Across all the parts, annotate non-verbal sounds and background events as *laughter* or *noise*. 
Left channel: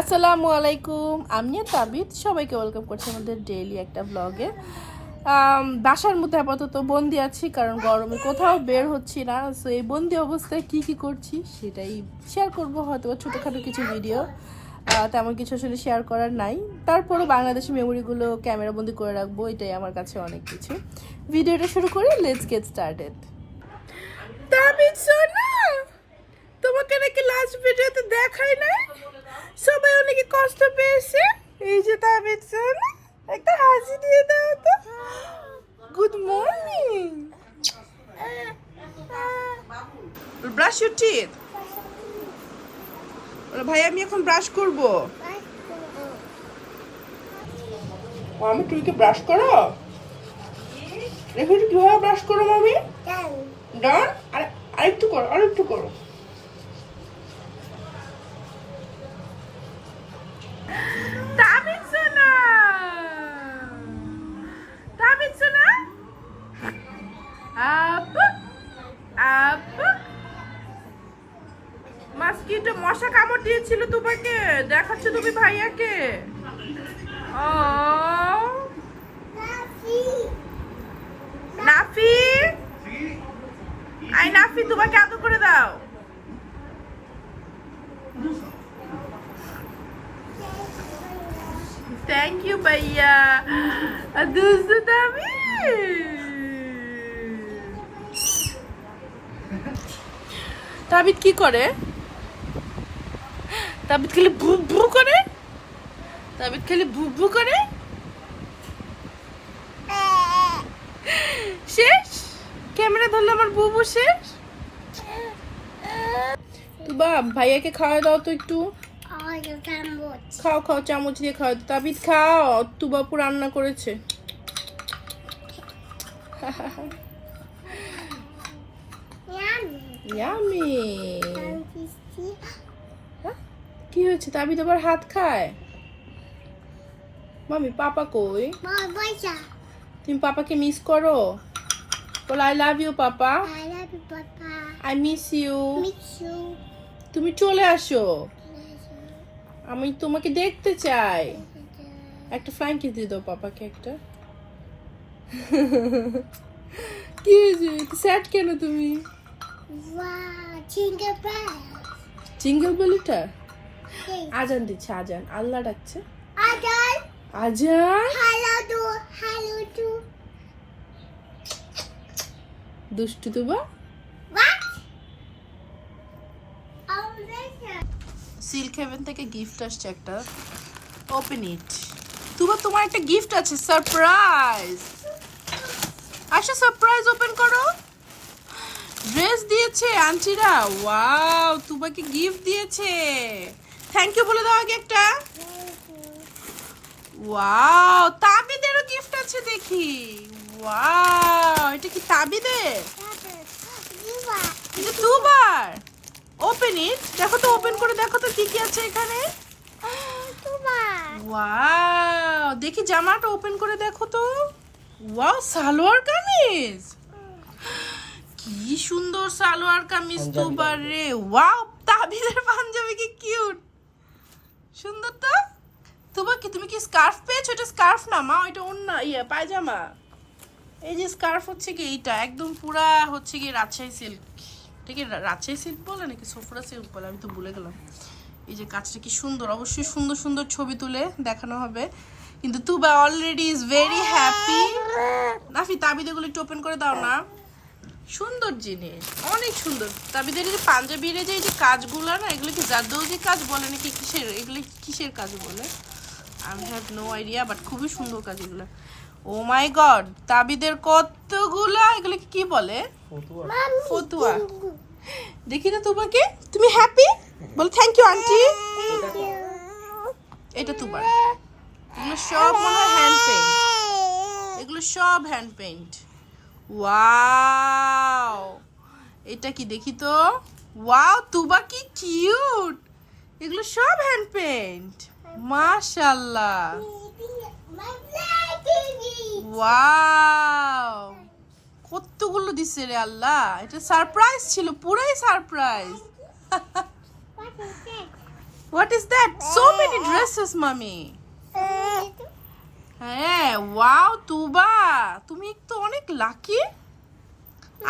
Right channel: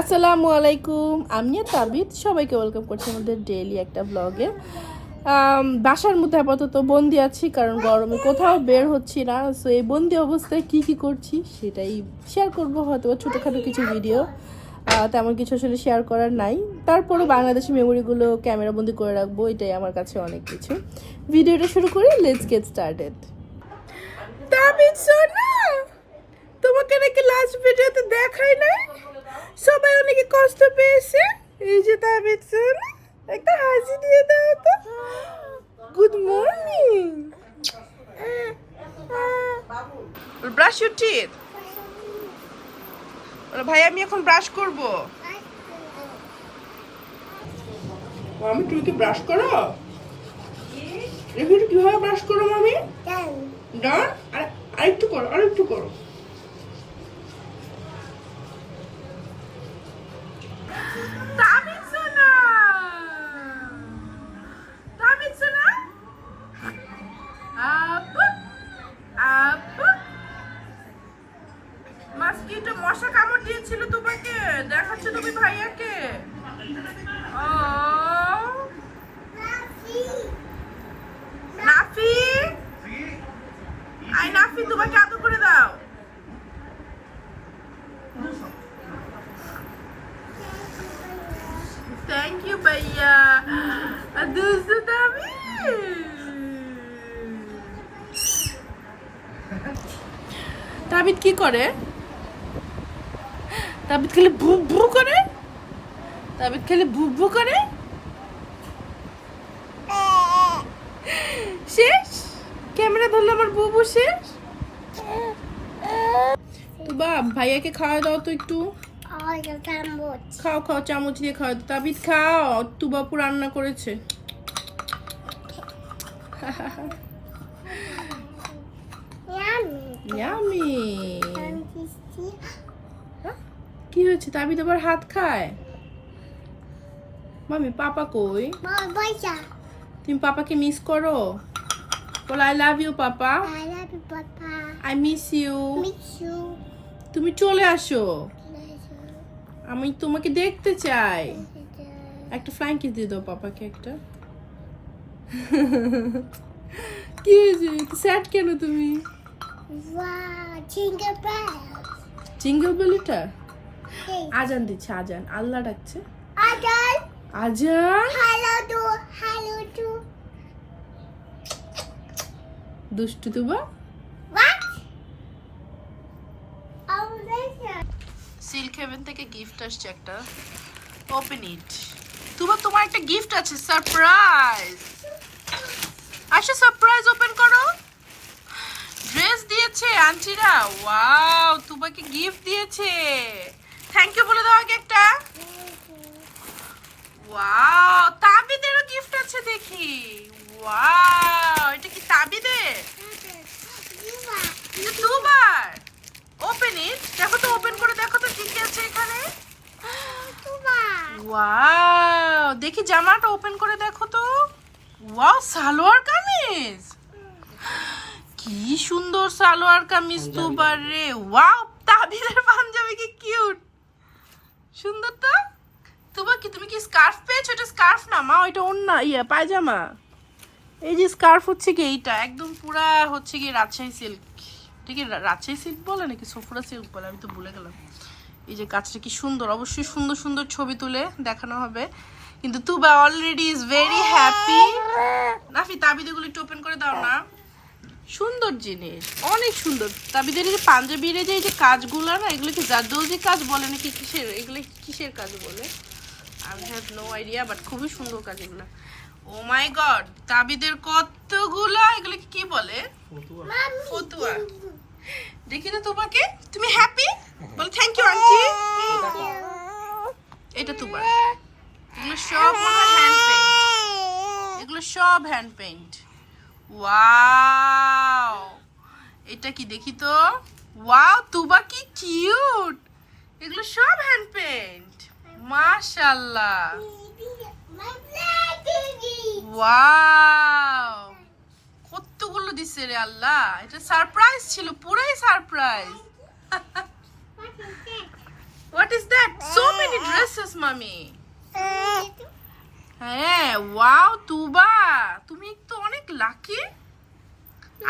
আসসালামু আলাইকুম, আমি তাবিদ সবাইকে ওয়েলকাম করছি আমাদের ডেইলি একটা ব্লগে বাসার মধ্যে আপাতত বন্দি আছি, কারণ গরমে কোথাও বের হচ্ছি না। সো এই বন্দি অবস্থায় কি কি করছি সেটাই শেয়ার করব হয়তো ছোটোখাটো কিছু ভিডিও তেমন কিছু আসলে শেয়ার করার নাই। তারপরও বাংলাদেশি মেমোরিগুলো ক্যামেরা বন্দি করে রাখব, এটাই আমার কাছে অনেক কিছু। ভিডিওটা শুরু করি লেটস গেট স্টার্টেড তাবিদ সোনা! তোমাকে নাকি লাস্ট ভিডিওতে দেখাই নাই? সবাই অনেকে কষ্ট পেয়েছে। এই যে তাবিদ সোনা একটা হাসি দিয়ে দাও তো। Good morning brush your teeth ভাই আমি এখন ব্রাশ করব। আমি তুমি কি ব্রাশ করো? দেখি কীভাবে ব্রাশ করো মামি? ডান আর আরেকটু করো আরেকটু করো। তুমি ভাইয়াকে? ও নাফি? আই নাফি তোমাকে আদর করে দাও। থ্যাংক ইউ ভাইয়া। দুষ্ট দামি। তাবিদ কি করে? তাবিদ খেলে ভু ভু করে? তাবিদ খেলে ভু ভু করে? শেষ? ক্যামেরা ধরলো আমার বুবু শেষ? বা ভাইয়াকে খাওয়া দাও তো একটু। খাও খাও চামচ দিয়ে খাও। তাবিদ খাও। তুবাপু রান্না করেছে। ইয়ামি কি হয়েছে? তাবিদ আবার হাত খায় মামি পাপা কই? তুমি পাপাকে মিস করো? বল I love you papa. I miss you তুমি চলে আসো। আমি তোমাকে দেখতে চাই। একটা ফ্লাইং কিস দিয়ে দাও পাপাকে একটা। *laughs* কি হয়েছে? স্যাড কেন তুমি? জিঙ্গল বেলুটা আজান দিচ্ছে আজান। আল্লাহ ডাকছে। আজান। দুষ্টু তুবা সিল্ক হেভেন থেকে গিফট আসছে একটা। ওপেন ইট তুবা তোমার একটা গিফট আছে সারপ্রাইজ। আচ্ছা সারপ্রাইজ ওপেন করো। ড্রেস দিয়েছে আন্টিরা। ওয়াও তুবাকে গিফট দিয়েছে। থ্যাংক ইউ বলে দাও আগে একটা। ওয়াও তাবিদেরও গিফট আছে দেখি। ওয়াও এটা কি তাবিদের? এটা দুবার। ওপেন ইট দেখো তো ওপেন করে দেখো তো কি কি আছে এখানে। ওয়াও দেখি জামাটা ওপেন করে দেখো তো। ওয়াও সালোয়ার কামিজ। কি সুন্দর সালোয়ার কামিজ দুবার রে। ওয়াও তাবিদের পাঞ্জাবি কি কিউট সুন্দর তো? তোমার কি, তুমি কি স্কার্ফ পেয়েছ? এটা স্কার্ফ না, মা, ওইটা অন্য ইয়া, পায়জামা। এই যে স্কার্ফ হচ্ছে কি এইটা, একদম পুরা হচ্ছে কি রাজশাহী সিল্ক ঠিক আছে রাজশাহী সিল্ক বলে নাকি সফরা সিল্ক বলে? আমি তো ভুলে গেলাম। এই যে কাজটা কি সুন্দর, অবশ্যই সুন্দর সুন্দর ছবি তুলে দেখানো হবে। কিন্তু Tuba already is very happy Nafi তাবিদেগুলো একটু ওপেন করে দাও না। সুন্দর জিনিস, অনেক সুন্দর। এই যে পাঞ্জাবির যে, এই যে কাজগুলো না, এগুলো কি জাদৌজি কাজ বলে নাকি কিসের, এগুলো কিসের কাজ বলে? I have no idea but খুবই সুন্দর কাজ এগুলো। ও মাই গড, তাবিদের কতগুলা, এগুলো কি বলে? ফতুয়া। দেখি না তোমাকে, তুমি হ্যাপি বল থ্যাংক ইউ আন্টি। এটা তোমার। এগুলো সব মনে হয় হ্যান্ড পেইন্ট এগুলো সব হ্যান্ড পেইন্ট ওয়াও এটা কি দেখি তো? ওয়াও তুবা কি কিউট এগুলো সব হ্যান্ড পেইন্ট মাশাআল্লাহ. ওয়াও কতগুলো দিছে রে আল্লাহ। এটা সারপ্রাইজ ছিল পুরাই surprise what is that so many glasses মামি. হ্যাঁ ওয়াও তুবা। তুমি তো অনেক লাকি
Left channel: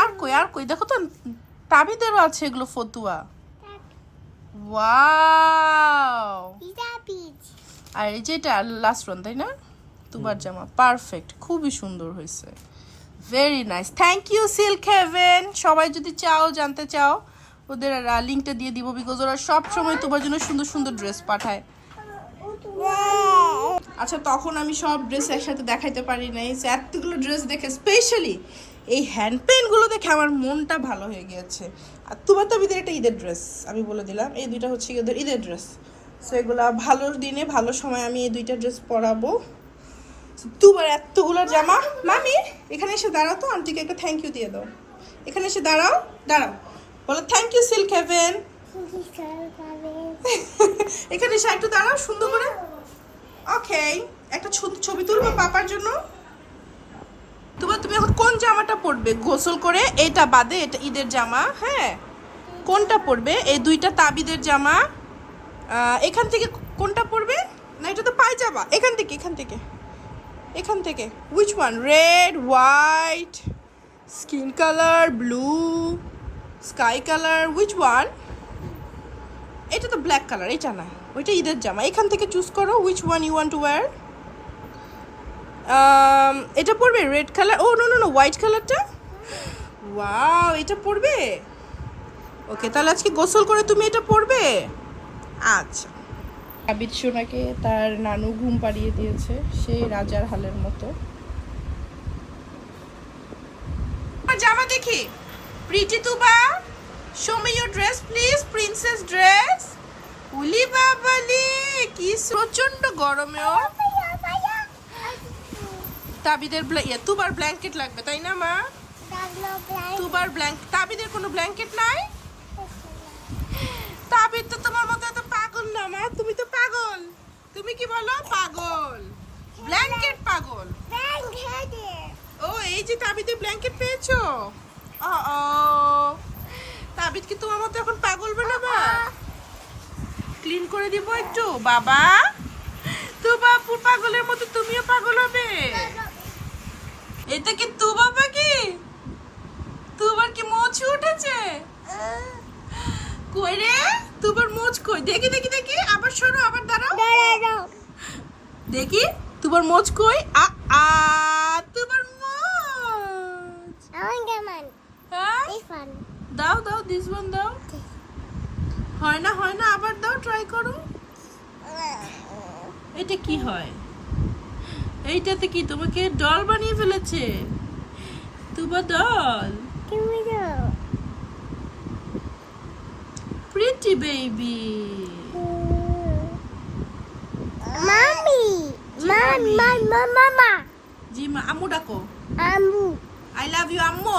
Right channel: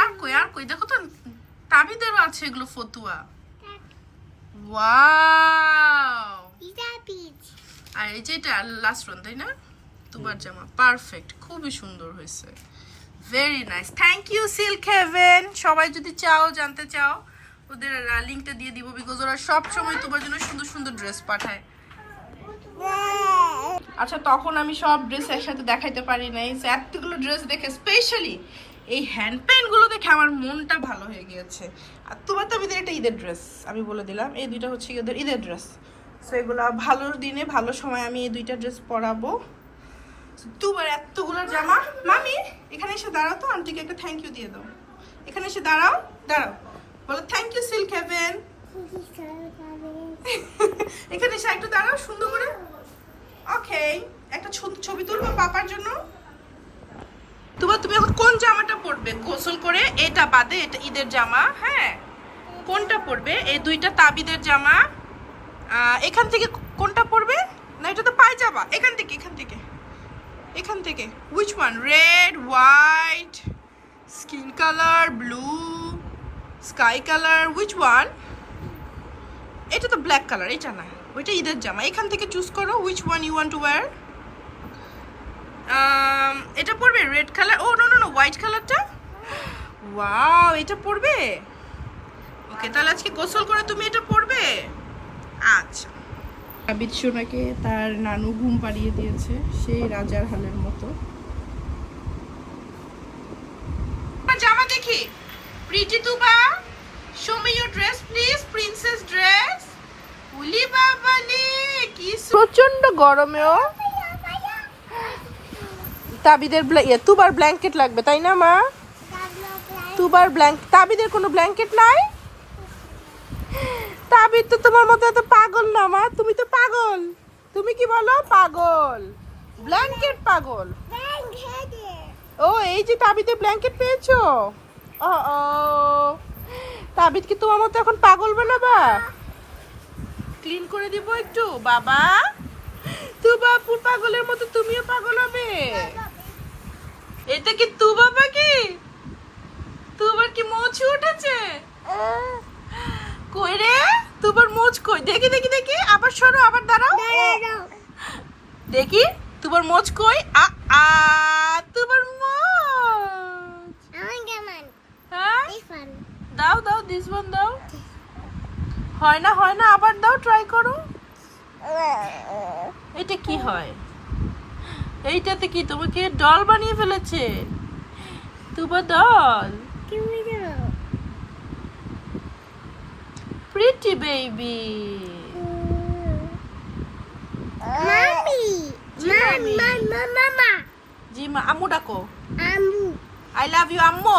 আর কই আর কই? দেখো তো তাবিদেরও আছে এগুলো ফতুয়া। ওয়াও। আর এই যে এটা লাস্ট ওয়ান তাই না? তোমার জামা পারফেক্ট খুবই সুন্দর হয়েছে। Very nice thank you silk haven সবাই যদি চাও জানতে চাও ওদের লিঙ্কটা দিয়ে দিব বিকজ ওরা সব সময় তোমার জন্য সুন্দর সুন্দর ড্রেস পাঠায়। আচ্ছা তখন আমি সব ড্রেস একসাথে দেখাইতে পারি নাই। এতগুলো ড্রেস দেখে স্পেশালি এই হ্যান্ড পেনগুলো দেখে আমার মনটা ভালো হয়ে গিয়েছে। আর তোমার তো আমি এটা ঈদের ড্রেস আমি বলে দিলাম। এই দুইটা হচ্ছে ওদের ঈদের ড্রেস সো এগুলো ভালো দিনে ভালো সময় আমি এই দুইটা ড্রেস পরাবো। তোমার এতগুলো জামা মামি এখানে এসে দাঁড়াও তো। আন্টিকে একটা থ্যাংক ইউ দিয়ে দাও। এখানে এসে দাঁড়াও দাঁড়াও। বলো থ্যাংক ইউ সিল্ক হেভেন এখানে এসে একটু দাঁড়াও সুন্দর করে। ওকে একটা ছবি তুলবো পাপার জন্য? তোমার তুমি এখন কোন জামাটা পরবে? গোসল করে এটা বাদে এটা ঈদের জামা হ্যাঁ? কোনটা পরবে? এই দুইটা তাবিদের জামা। এখান থেকে কোনটা পরবে? না, এটা তো পায়জামা। এখান থেকে এখান থেকে। এখান থেকে। Which one red white skin colour blue sky colour which one এটা তো ব্ল্যাক কালার এটা না। ওইটা ঈদের জামা। এখান থেকে চুজ করো which one you want to wear এটা পড়বে red colour oh no no no white কালারটা ওয়াও এটা পড়বে ওকে তাহলে আজকে গোসল করে তুমি এটা পড়বে আচ্ছা। সোনাকে তার নানু ঘুম পাড়িয়ে দিয়েছে, সেই রাজার হালের মতো। জামা দেখি। Pretty Tuba show me your dress please princess dress উলি বাবালি কি প্রচণ্ড গরমেও তাবিদের তুবার ব্ল্যাঙ্কেট লাগবে, তাই না মা? তুবার ব্ল্যাঙ্ক তাবিদের কোনো ব্ল্যাঙ্কেট নাই? তাবিদ তো তোমার মতো এত পাগল না মা, তুমি তো পাগল। তুমি কি বলো? পাগল। ব্ল্যাঙ্কেট পাগল। ও, এই যে তাবিদে ব্ল্যাঙ্কেট পেয়েছ। ও তাবিদ কি তোমার মতো এখন পাগল বানাবা ক্লিন করে দিব একটু বাবা। তু বাপুর পাগলের মতো তুমিও পাগল হবে। এটা কি তু বাবা কি? তুবার কি মোচ উঠেছে? কই রে? তুবার মোচ কই? দেখি দেখি দেখি। আবার সরো আবার দাঁড়াও। দেখি তুবার মোচ কই? আ আ তুবার মোচ। হ্যাঁ? দাও দাও দিস ওয়ান দাও। হয় না হয় না আবার দাও ট্রাই করো। এটা কি হয়? এইটাতে কি তোমাকে ডল বানিয়ে ফেলেছে? তুবা ডল প্রিটি বেবি জি মা আম্মু ডাকো। আই লাভ ইউ আম্মু।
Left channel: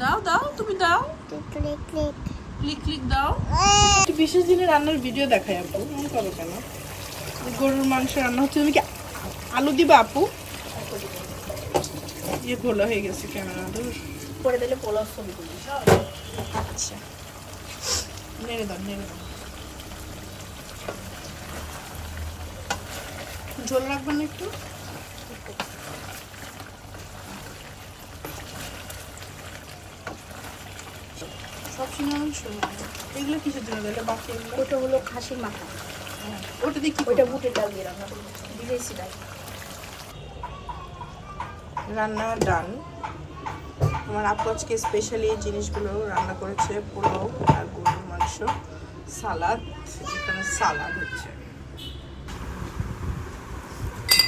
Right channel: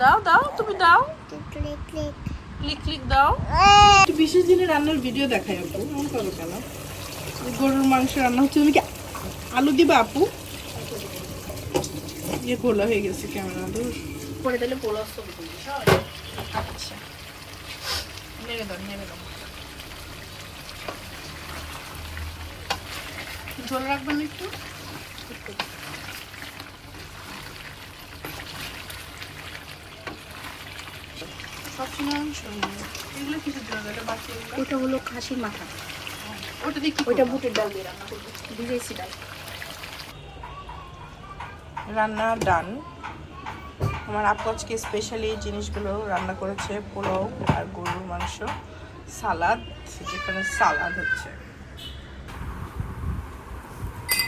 দাও দাও তুমি দাও। ক্লিক ক্লিক দাও। একটু বিশেষ দিনে রান্নার ভিডিও দেখাই আপু মন করো কেন? গরুর মাংস রান্না হচ্ছে তুমি কি আলু দিবা আপু? ইয়ে খোলা হয়ে গেছে ক্যামেরা দূর করে দিলে পোলাও ছবি আচ্ছা। নেড়ে দাও নেড়ে দাও। ঝোল রাখবেন একটু? সব এগুলো কিছু দিল এটা বাকি ওটা হলো খাসির মাথা। ওটা দিয়ে কি বুটের ডাল দিয়ে রান্না করব। ডাল। রান্না ডান। আমার আপু আজকে স্পেশালি জিনিসগুলো রান্না করেছে পোলাও আর গরুর মাংস সালাদ এখানে সালাদ হচ্ছে।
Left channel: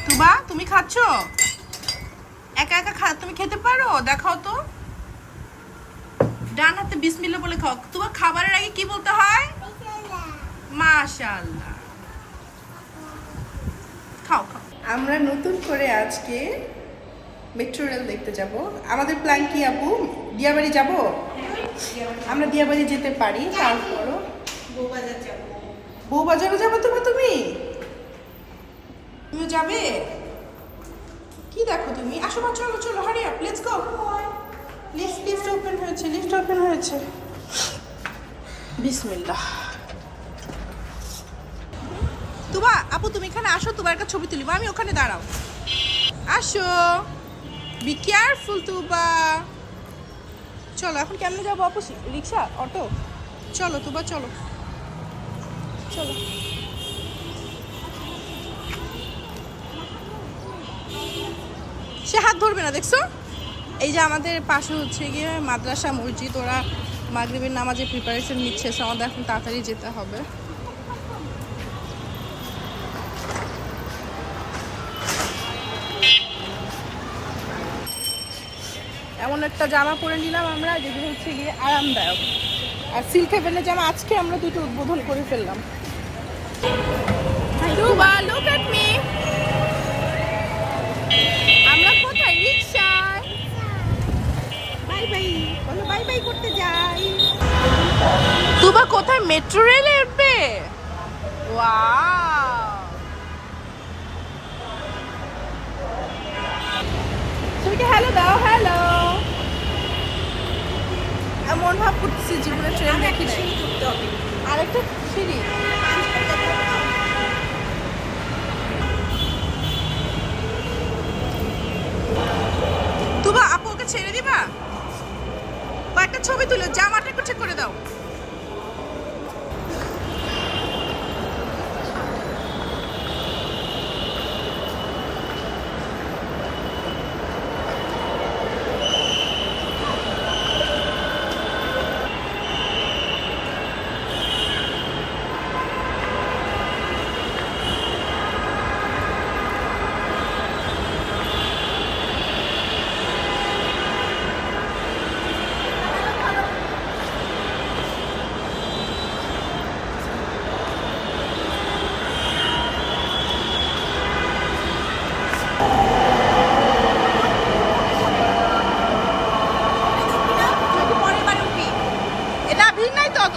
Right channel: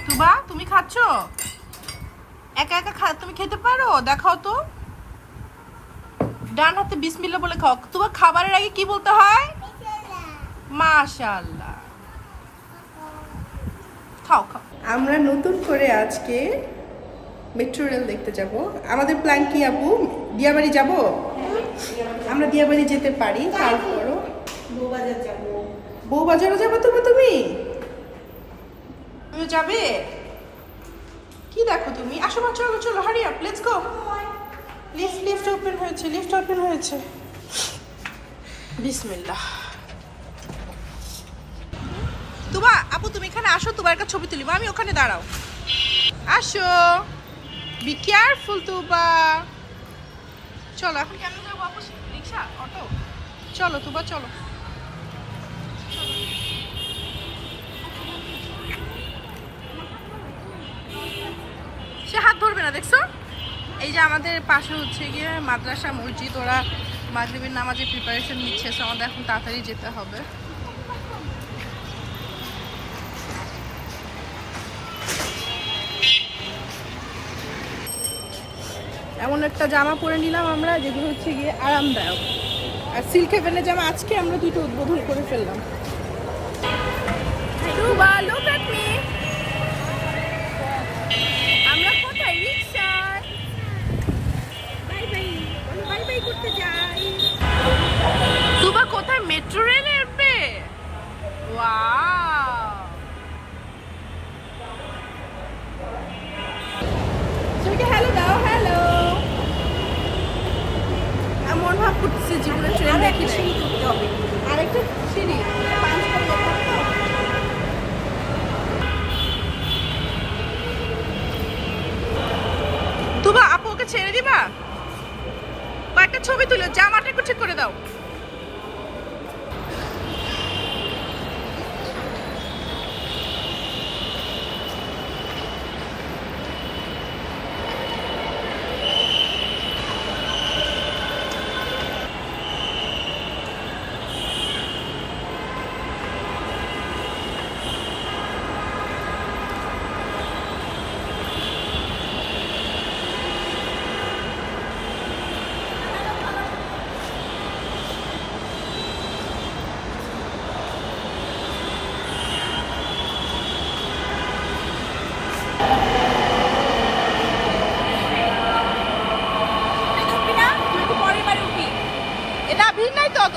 তুবা তুমি খাচ্ছ? একা একা খা তুমি খেতে পারো? দেখাও তো। ডান হাতে বিসমিল্লা বলে খাও। তোমার খাবারের আগে কি বলতে হয়? মাশাআল্লাহ। খাও খাও। আমরা নতুন করে আজকে মেট্রো রেল দেখতে যাব। আমাদের প্ল্যান কি আপু? দিয়াবাড়ি যাব? আমরা দিয়াবাড়ি যেতে পারি তারপরও বউবাজারও যাব। তুমি তুমি? তুমি যাবে? কি দেখো তুমি? আসো চলো চলো hurry up let's go lift lift open হয়েছে লিফট ওপেন হয়েছে। বিসমিল্লাহ। আপু, তুমি এখানে আসো তোমার একটা ছবি তুলিব আমি ওখানে দাঁড়াও। আসো। Be careful Tuba. চলো, এখন কেমনে যাব, আপু? রিক্সা? অটো? চলো, তুবা, চলো। চলো। সে হাত ধরবে না, দেখছ? এই যে আমাদের পাশে হচ্ছে গিয়ে মাদ্রাসা মসজিদ, ওরা মাগরিবের নামাজের প্রিপারেশন নিচ্ছে আমাদের এখন তাড়াতাড়ি যেতে হবে। এমন একটা জামা পরে নিলাম আমরা, যেগুলো হচ্ছে গিয়ে আরামদায়ক। আর সিল্ক হেভেনের জামা আজকে আমরা দুটো উদ্বোধন করে ফেললাম। আমরা কোথায়? রিক্সায় করতে যাই। তুবা কোথায়? মেট্রো রেলে উঠবে? হ্যালো দাও হ্যালো এমন ভাব করতেছি জীবনে ট্রেন দেখি নাই। আরেকটা সিঁড়ি। তুবা আপু ওকে ছেড়ে দিবা? ছবি তুলো জামাটা একটু ঠিক করে দাও এটা ভিড় নাই তো অত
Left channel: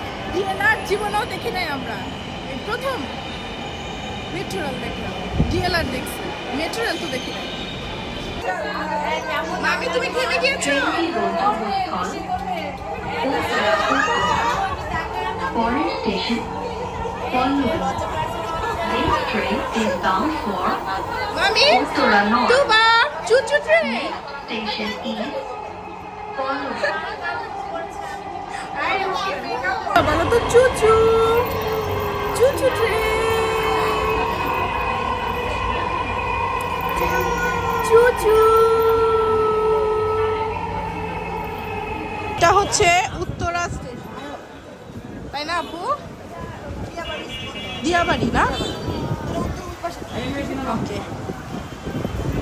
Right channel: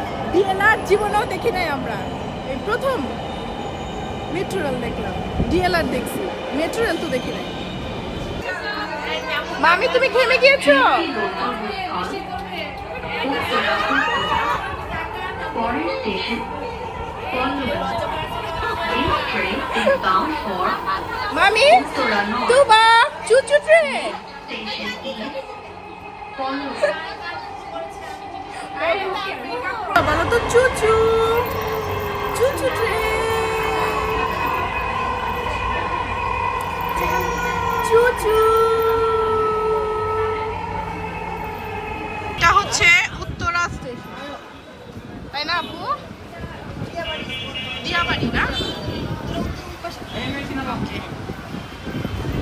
ডিএলআর জীবনেও দেখি নাই আমরা এই প্রথম মেট্রো রেল দেখলাম ডিএলআর দেখছি মেট্রো রেল তো দেখি নাই মামি, তুমি থেমে গিয়েছো for মামি Uttora North. দুবা চুচু ট্রেন Kollu. এটা হচ্ছে উত্তরা স্টেশন। না, আপু? দিয়াবাড়ি না?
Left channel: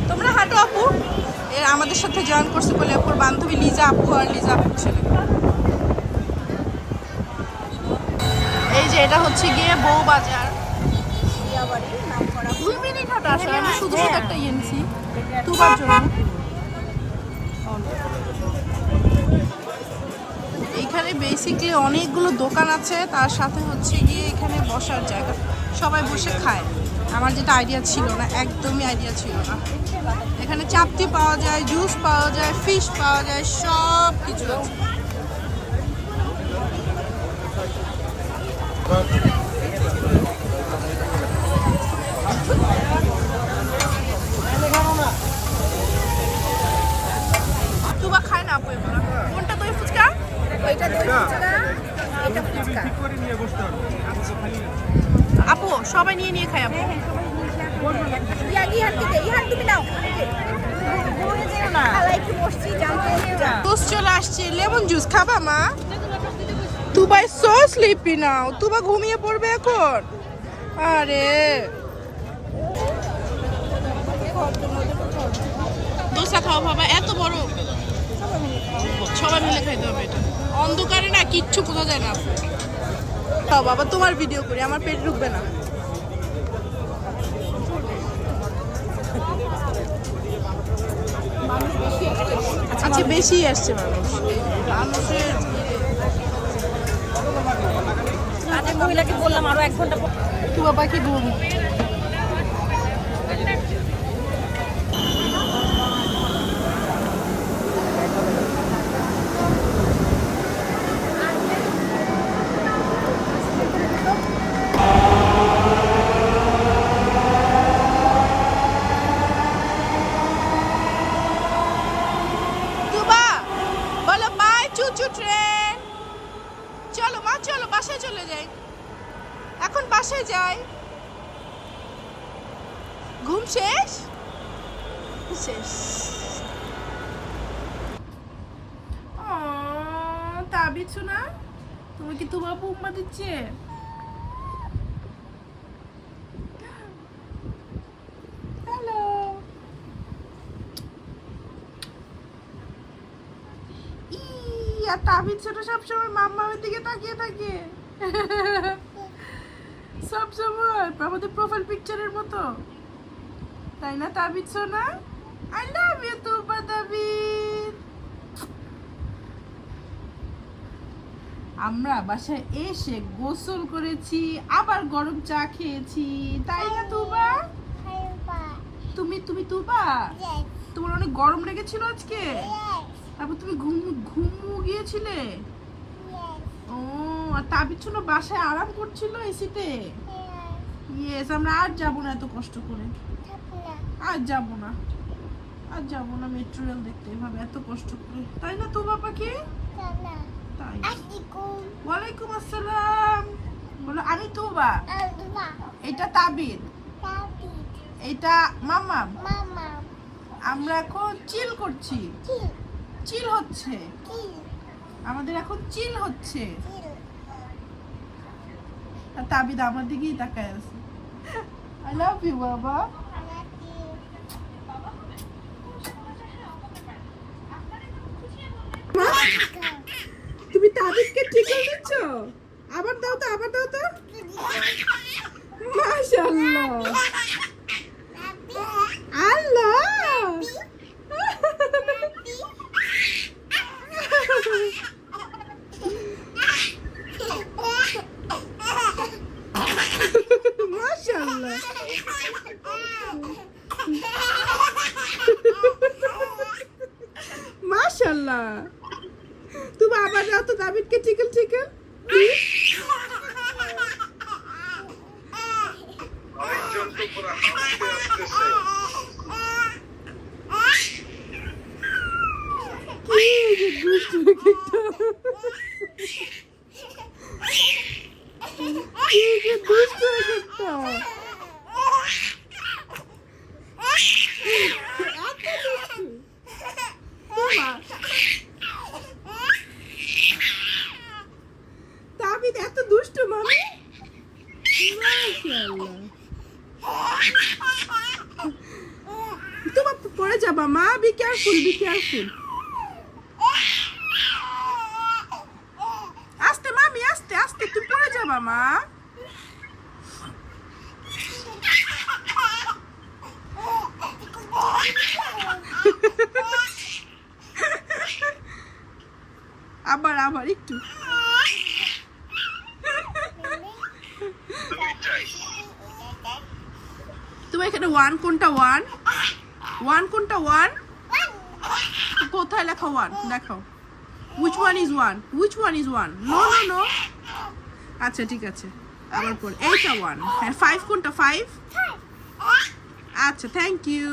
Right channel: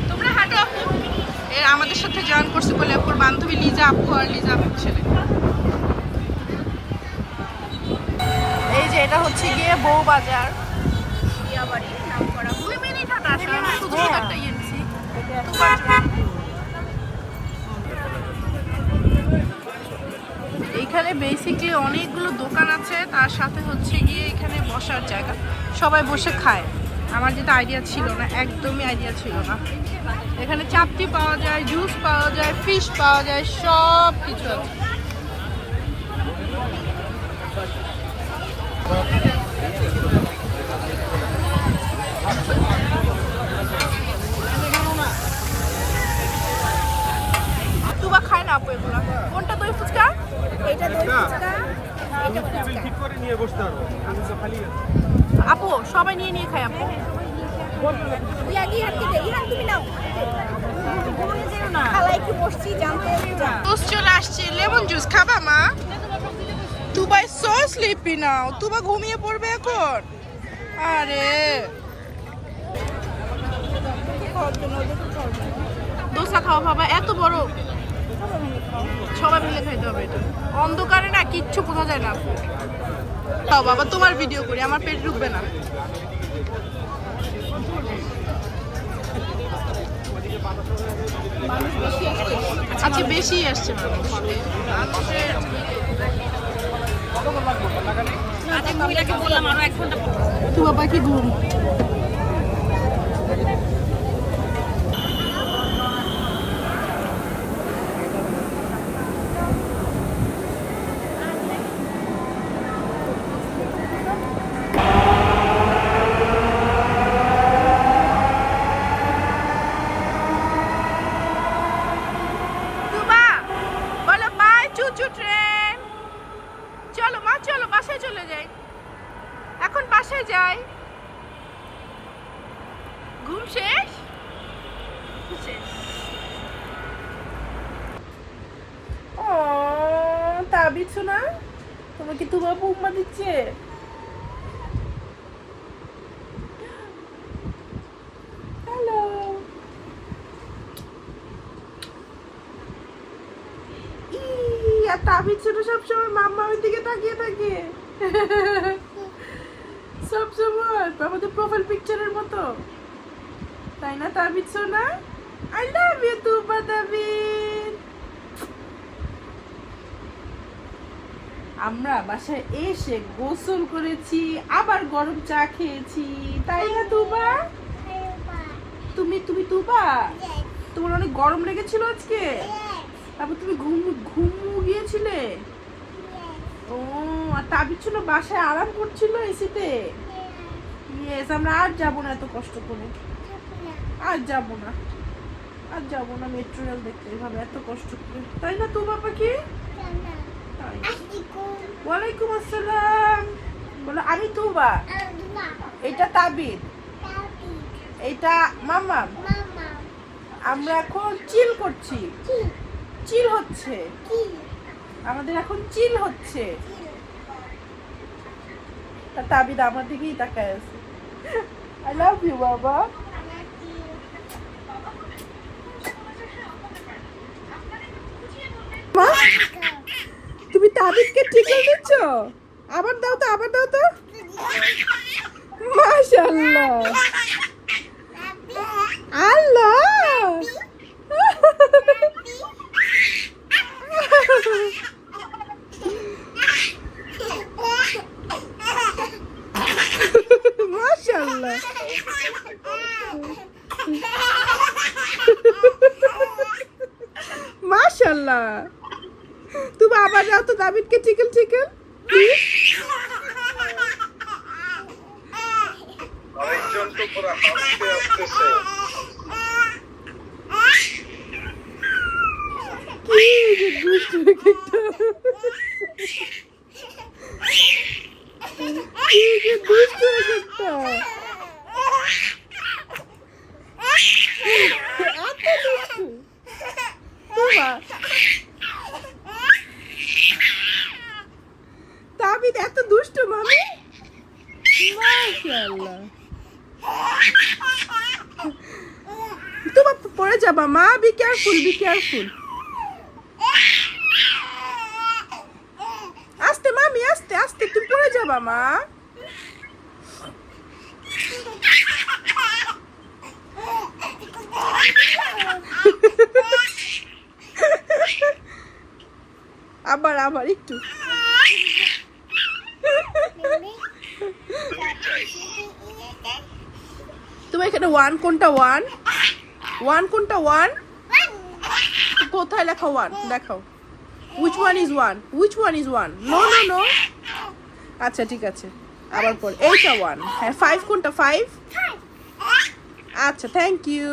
তোমরা হাঁটো, আপু। আমাদের সাথে জয়েন করছে বলে, আপুর বান্ধবী লিজা, আপু আর লিজা, আপুর ছেলে। যে এটা হচ্ছে গিয়ে বউ বাজার দুই মিনিট হাঁটা আসলে আমি শুধু শুধু একটা দুবার জন্য। এইখানে বেসিকলি অনেকগুলো দোকান আছে তার সাথে হচ্ছে গিয়ে এখানে বসার জায়গা। সবাই বসে খায়। আমার যেটা আইডিয়া ছিল না একদমই আইডিয়া ছিল না। এখানে চাপতি পাওয়া যায় জুস পাওয়া যায় ফিশ পাওয়া যায় সব কিছু আছে। তুবা খায় না আপু এগুলো। কোনটা দই ফুচকা? এটা দই ফুচকা এটা ফুচকা। আপু সবাই নিয়ে নিয়ে খায় আপু। চলে আসছে লেমন জুস খাবা মা? তুবাই সো স্লিপি নাও তুবা ঘুমিয়ে পড়বে এখন? আরে। দোসা খাওয়া বাবা এত বড়। সবাই মিলে খাইতে হবে এটা। অন্ধকারে না কিচ্ছু বোঝা যায় না খাও বাবা তোমার ভিডিও করি আমার পেট ঢুকবে না। আজকে বেশি আসছে মানুষ। মানুষের মহিলাকে বললাম আরও বাবা কি ঘুম ঘুম শেষ? শেষ। ও তাবিছু না তোমাকে তোমার বৌমা দিচ্ছে। হ্যালো। আর সবসময় দিকে তাকিয়ে থাকে। সব সময়, আমাদের প্রোফাইল পিকচারের মতো। তাই না তাবিদ সোনা? আই লাভ ইউ তুবা তাবিদ আমরা বাসায় এসে গোসল করেছি আবার গরম চা খেয়েছি। তাই না তুবা? তুমি তুমি তুবা? তোমার অনেক গরম লেগেছিল আজকে? তারপর তুমি ঘুম ঘুমু গিয়েছিলে? ও আর তাবিদ ছিল বাসায় আরাম করছিল এসিতে? ইয়েস আমরা আর যাব না এত কষ্ট করে। আর যাব না। আর যাব না মেট্রো রেল দেখতে, এভাবে এত কষ্ট করে। তাই না তো বাবা কি তাই। ওয়ালাইকুম আসসালাম। বলো, আমি তুবা। এটা তাবিদ এটা মামা আমরা এখন চিল করছি। চিল হচ্ছে। আমাদের এখন চিল হচ্ছে। তাবিদ আমার দিকেই তাকায় আছে। আই লাভ ইউ বাবা। তুমি তাবিদকে টিকল দিচ্ছ আবার দাও তো আবার দাও তো। মাশাআল্লাহ। আল্লাহ। মাশাআল্লাহ। মাশাআল্লাহ। আবার যাও তো দাবিদকে চিকেন চিকেন? আরেকজন তো একটা এত দুষ্টু মাশাআল্লাহ। তোমার যাবা, মা। বি কেয়ারফুল বি কেয়ারফুল মামি তুমি যাবা, মা। আবার আবার, একটু। তোমার এখানে ওয়ান কোনটা ওয়ান ওয়ান কোনটা ওয়ান কোথায় লেখা ওয়ান দেখাও। Which one is one which one is one no no no আচ্ছা ঠিক আছে। আবার পর এইটা ওয়ান হ্যাঁ ফাইভ কোনটা? ফাইভ আচ্ছা থ্যাংক ইউ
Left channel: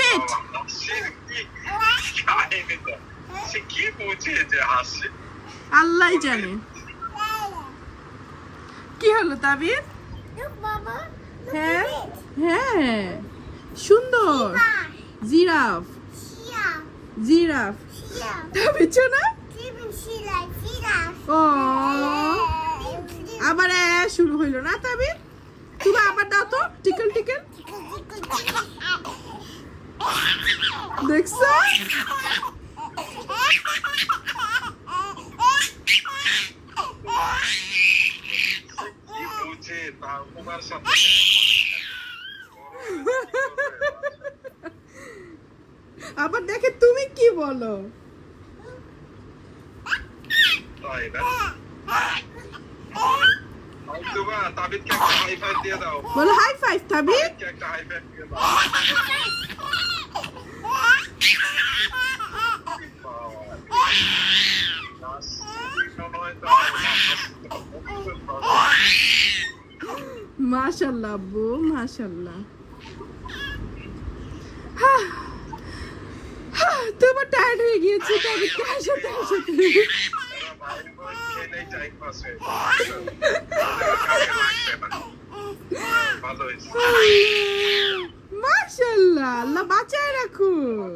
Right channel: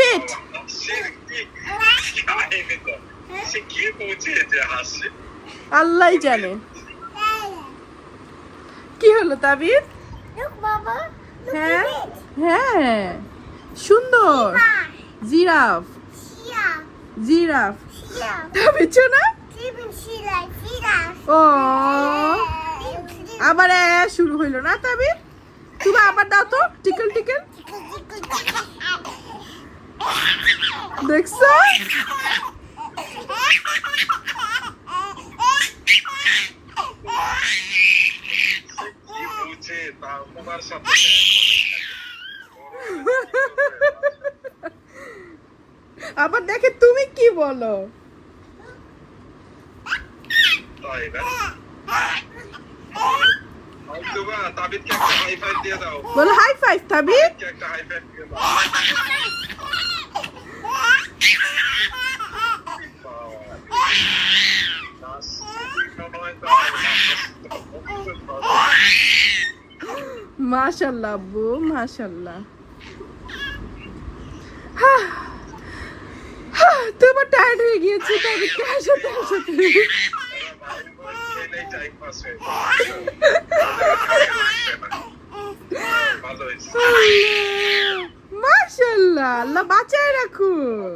বেট সে কি কাহিনী তো সে কি বুঝিয়ে যে হাসছে আল্লাহ জানে। কি হলো তাবির? হ্যাঁ হ্যাঁ। সুন্দর। জিরাফ। জিরাফ। তাবির না? ও। আবার শুরু হইল না তাবির? তুমি আবার দাও তো টিকল টিকেল। দেখছ? আবার দেখে তুমি কি বলো? বলো হাই ফাইভ তাবিদ মাশাল্লাহ আব্বু মাশাল্লাহ তোমার টায়ার্ড হয়ে গিয়েছি তবে ক্যাশে ক্যাশে মাশাল্লাহ আল্লাহ বাঁচায় রাখুন।